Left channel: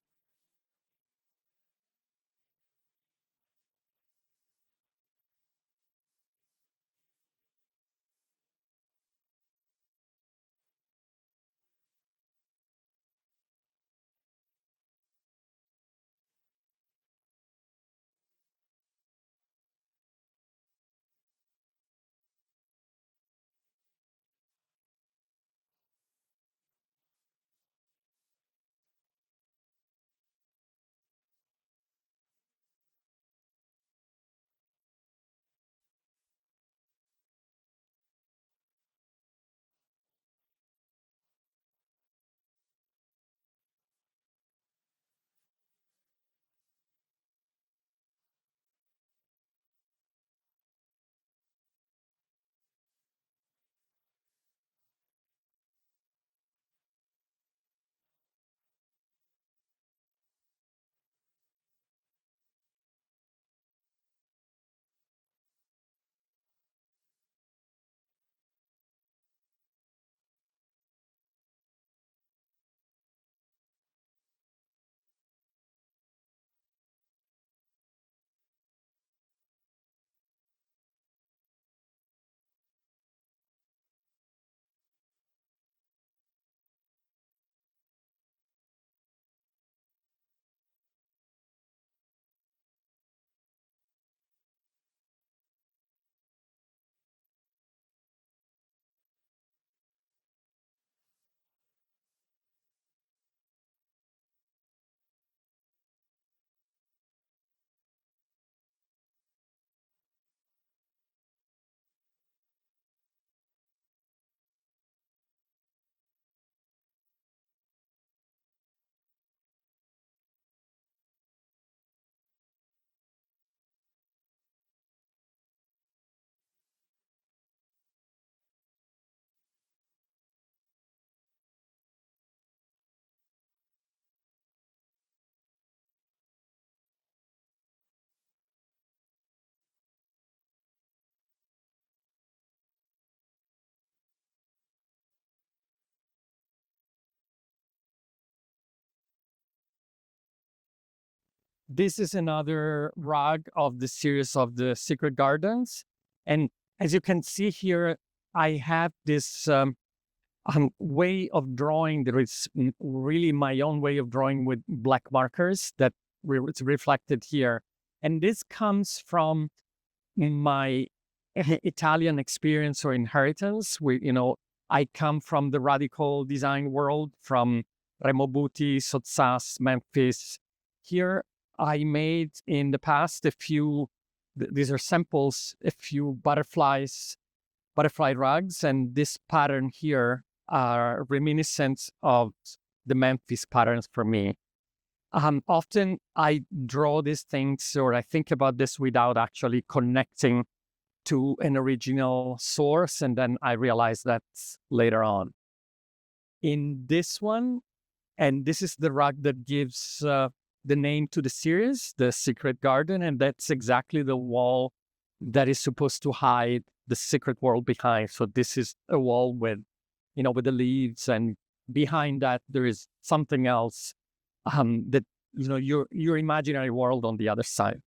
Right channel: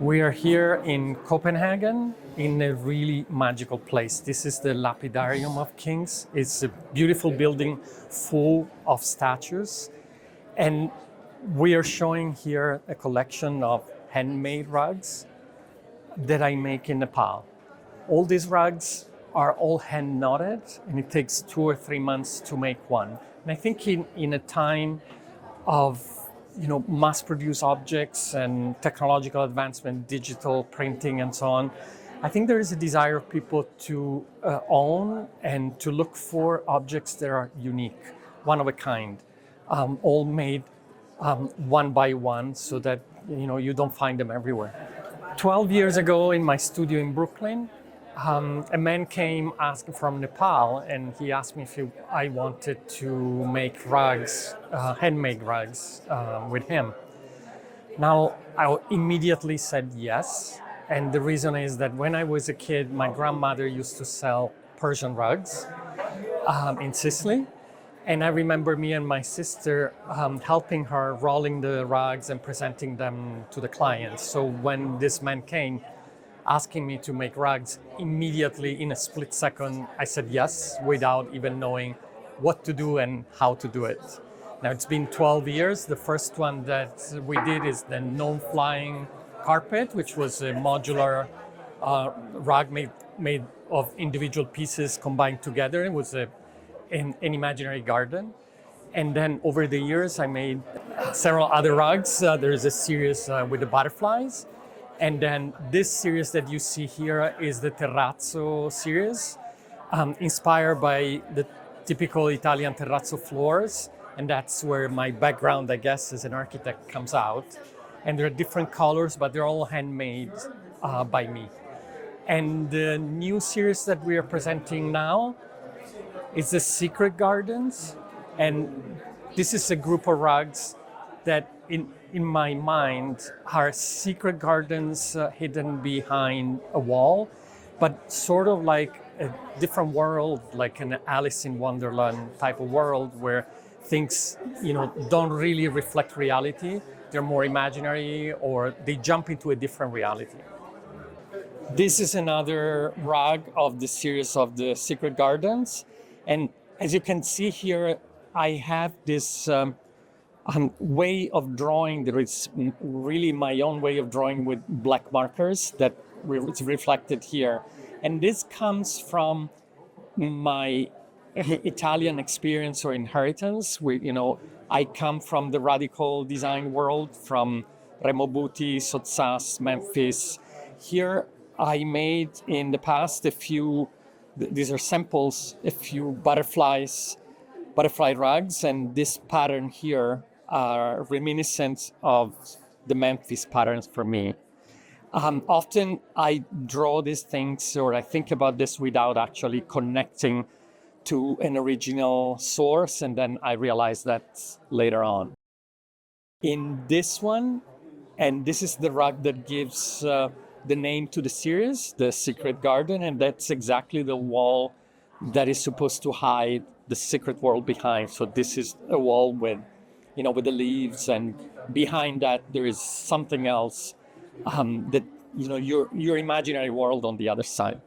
We are here in Copenhagen in a really magical place. This is the Lapidarium of Kings. It's a beautiful building full of statues. And we are showing here a collection of handmade rugs that I make in Nepal. All these rugs are all hand knotted, and it takes 2 or 3 months to make one. And I think in a time of mass-produced objects and technological advancement, digital printing, and so on, I think there is a desire of people to own and to look for objects that are unique, one of a kind, all made one by one, so that you don't find them everywhere. 12 years ago, in my studio in Brooklyn, a man came asking from Nepal, and he asked me if I wanted to make rugs, handmade rugs, with him. Now, I immediately said yes, and the reason is that when I was a kid, my grandmother used to sell Persian rugs in Sicily, and I remember me and my sister helping her rolling the rugs and presenting them to the clients. So when this man came, asking me to make rugs, immediately in a split second, I said yes, without even knowing what to do and how to do it. Now it's been 12 years. The first one that we did is the non-flying carpet, which was a modular rug made of individual pieces combined together. It was an imaginary garden. And then over the years, I made several other rugs. There's a series with the butterflies. And then this series that you see here is the terrazzo series, inspired by the typical Italian terrazzo floors. And that's where my background, I guess, as an architect comes out. And there are different colors, but they're all handmade by me. And the new series that we are presenting now is the Secret Gardens. And this is a group of rugs that in my mind are secret gardens hidden behind a wall, but sort of like a different world, like an Alice in Wonderland type of world where things don't really reflect reality. They're more imaginary, or they jump into a different reality. This is another rug of the series of the Secret Gardens. And as you can see here, I have this way of drawing. There is really my own way of drawing with black markers that it's reflected here. And this comes from my Italian experience or inheritance. I come from the radical design world, from Remo Buti, Sottsass, Memphis. Here I made in the past these are samples, a few butterfly rugs, and this pattern here are reminiscent of the Memphis patterns for me. Often I draw these things, or I think about this without actually connecting to an original source, and then I realize that later on. In this one, and this is the rug that gives the name to the series, the Secret Garden, and that's exactly the wall that is supposed to hide the secret world behind. So this is a wall with the leaves, and behind that there is something else that your imaginary world on the other side.